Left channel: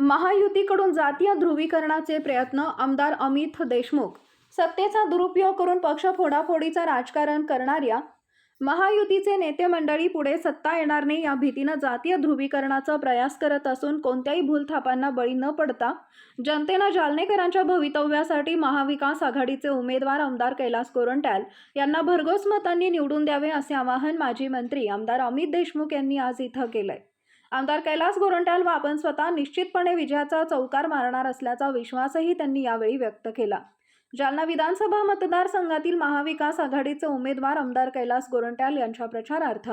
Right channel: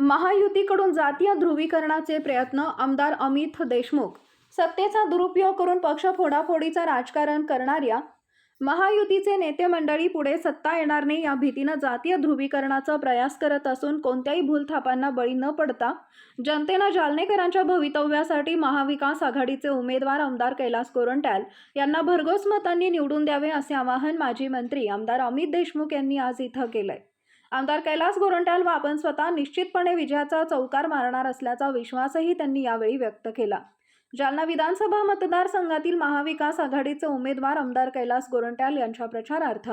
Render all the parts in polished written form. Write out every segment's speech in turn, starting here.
महायुतीकडून जातीय ध्रुवीकरणाचे प्रयत्न. आमदार अमित देशमुख. सत्तेचा दुरुपयोग करून पक्ष फोडाफोडीचं राजकारण करणाऱ्या महायुतीचे नेते मंडळी पुढे सत्ता येणार नाही या भीतीनं जातीय ध्रुवीकरणाचा प्रयास करत असून कोणत्याही भूलथापांना बळी न पडता जनतेनं जालनेकरांच्या भवितव्यासाठी महाविकास आघाडीचे उमेदवार आमदार कैलास गोरंट्याल यांना भरघोस मतांनी निवडून द्यावे असे आवाहन माजी मंत्री आमदार अमित देशमुख यांनी आज इथं केलंय. आमदार कैलास गोरंट्याल व आपण स्वतः निश्चितपणे विजयाचा चौकार मारणार असल्याचा विश्वासही त्यांनी यावेळी व्यक्त केला. जालना विधानसभा मतदारसंघातील महाविकास आघाडीचे उमेदवार आमदार कैलास गोरंट्याल यांच्या प्रचारार्थ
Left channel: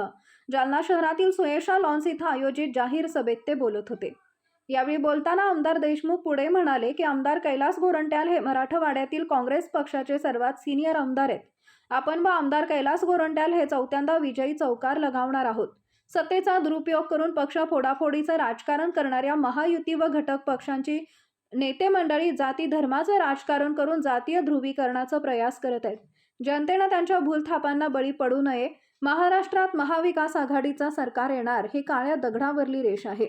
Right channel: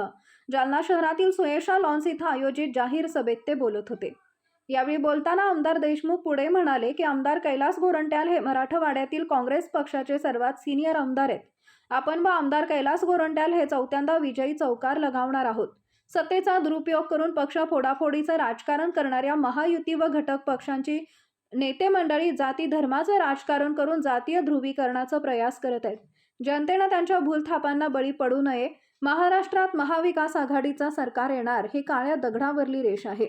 जालना शहरातील सुयशा लॉन्स इथं आयोजित जाहीर सभेत ते बोलत होते. यावेळी बोलताना आमदार देशमुख पुढे म्हणाले की आमदार कैलास गोरंट्याल हे मराठवाड्यातील काँग्रेस पक्षाचे सर्वात सिनियर आमदार आहेत. आपण व आमदार कैलास गोरंट्याल हे चौथ्यांदा विजयी चौकार लगावणार आहोत. सत्तेचा दुरुपयोग करून पक्ष फोडाफोडीचं राजकारण करणाऱ्या महायुती व घटक पक्षांची नेते मंडळी जाती धर्माचं राजकारण करून जातीय ध्रुवीकरणाचा प्रयास करत आहेत. जनतेनं त्यांच्या भूलथापांना बळी पडू नये. महाराष्ट्रात महाविकास आघाडीचा सरकार येणार ही काळ्या दगडावरली रेष आहे.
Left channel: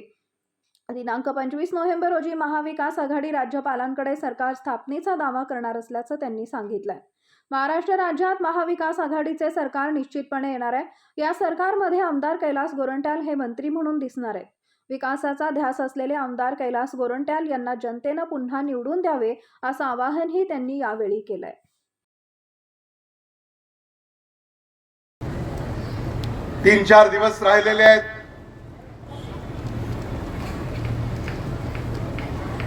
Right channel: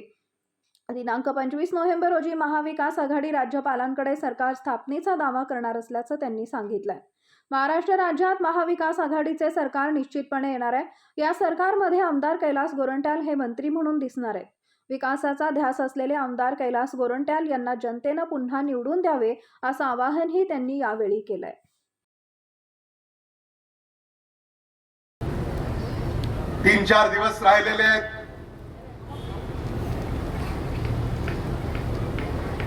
दिनांक 25 नोव्हेंबर रोजी महाविकास आघाडी राज्यपालांकडे सरकार स्थापनेचा दावा करणार असल्याचं त्यांनी सांगितलंय. महाराष्ट्र राज्यात महाविकास आघाडीचे सरकार निश्चितपणे येणार आहे. या सरकारमध्ये आमदार कैलास गोरंट्याल हे मंत्री म्हणून दिसणार आहेत. विकासाचा ध्यास असलेले आमदार कैलास गोरंट्याल यांना जनतेनं पुन्हा निवडून द्यावे असं आवाहनही त्यांनी यावेळी केलंय. 3-4 दिवस राहिलेले आहेत.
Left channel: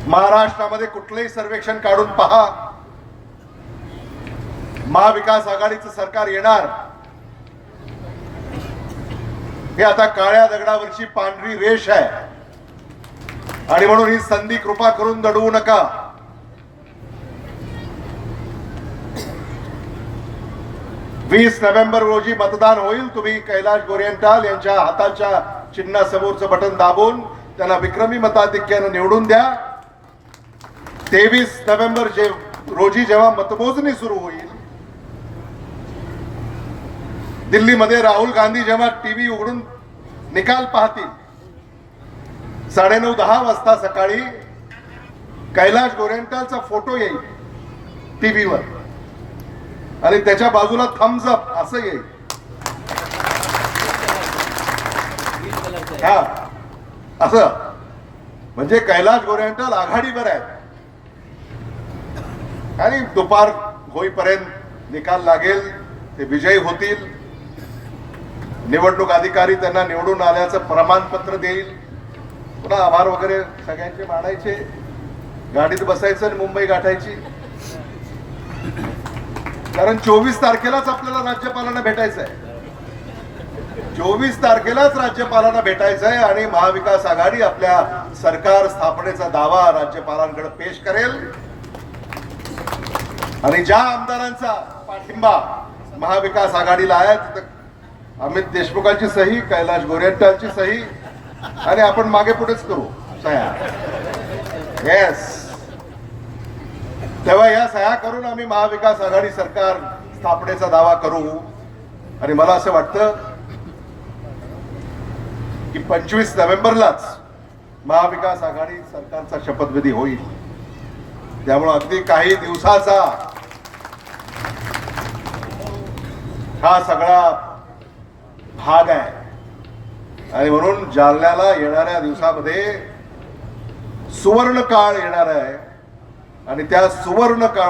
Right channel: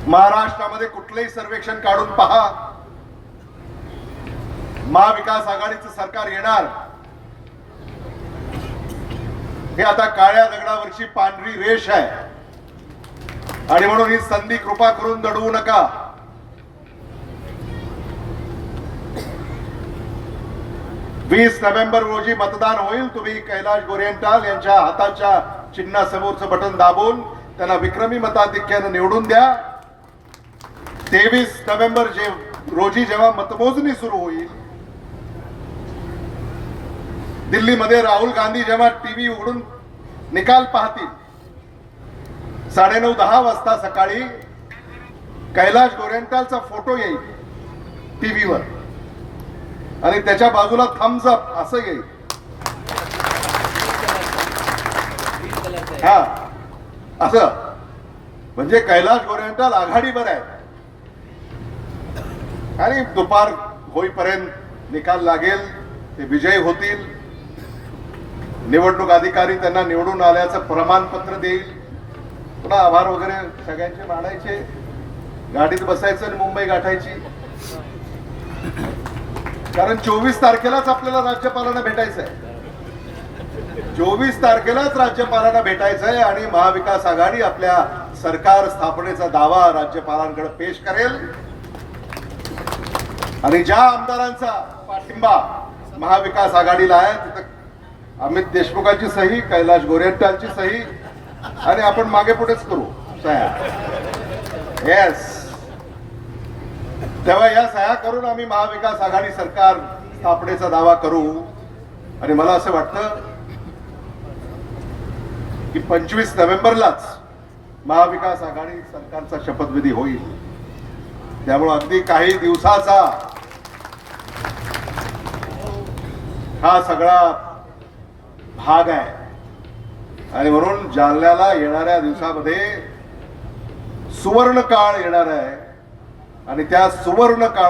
महाराष्ट्रामध्ये कुठलेही सर्वेक्षण काढून पहा, महाविकास आघाडीचं सरकार येणार हे आता काळ्या दगडावरची पांढरी रेष आहे. आणि म्हणून ही संधी कृपा करून दडवू नका. वीस नोव्हेंबर रोजी मतदान होईल. तुम्ही कैलास गोरंट्याल यांच्या हाताच्या चिन्हासमोरचं बटन दाबून त्यांना विक्रमी मताधिक्यानं निवडून द्या. 23 नोव्हेंबर रोजी जेव्हा मतमोजणी सुरू होईल, दिल्लीमध्ये राहुल गांधी जेव्हा टीव्ही उघडून निकाल पाहतील, 9:30-10 वाजता सकाळी कैलास गोरंट्यालचा फोटो येईल टीव्हीवर आणि त्याच्या बाजूला थम्स अप असं येईल. हा असं म्हणजे कैलास गोरंट्याल आघाडीवर आहे. आणि दुपार होईपर्यंत निकाल लागेल, ते विजयी होतील. निवडणूक अधिकारी त्यांना निवडून आल्याचं प्रमाणपत्र देईल. तुला आभार वगैरे सगळ्यांचे मानायचे, गाडीत बसायचं आणि मुंबई गाठायची. कारण 24 तारखेलाच आपल्याला राज्यपालांना भेटायचं आहे. 24 तारखेलाच राज्यपालांना भेटायचं आहे आणि महाविकास आघाडी आपल्या सरकार स्थापनेचा दावा राज्यपालांकडे पेश करेल. आणि ज्या आमदारांचा पाठिंबा महाविकास आघाडीला आहे तिथं अमित देशमुखांची सही, कैलास गोरंट्यालची सही आणि आपण मागे पुढेच करू सह्या. येस, तेव्हा या सह्या करून आम्ही महाविकास आघाडी सरकार स्थापनेचा दावा करू. आणि मला असं वाटतं की 25 नोव्हेंबरलाच महाविकास आघाडी सरकारचा शपथविधी होईल. त्यामुळे अगदी काही दिवसाचा हा सगळा भाग आहे. आणि म्हणून जालन्याला येणाऱ्या दिवसामध्ये सुवर्ण काळ येणार आहे आणि त्या सुवर्ण काळ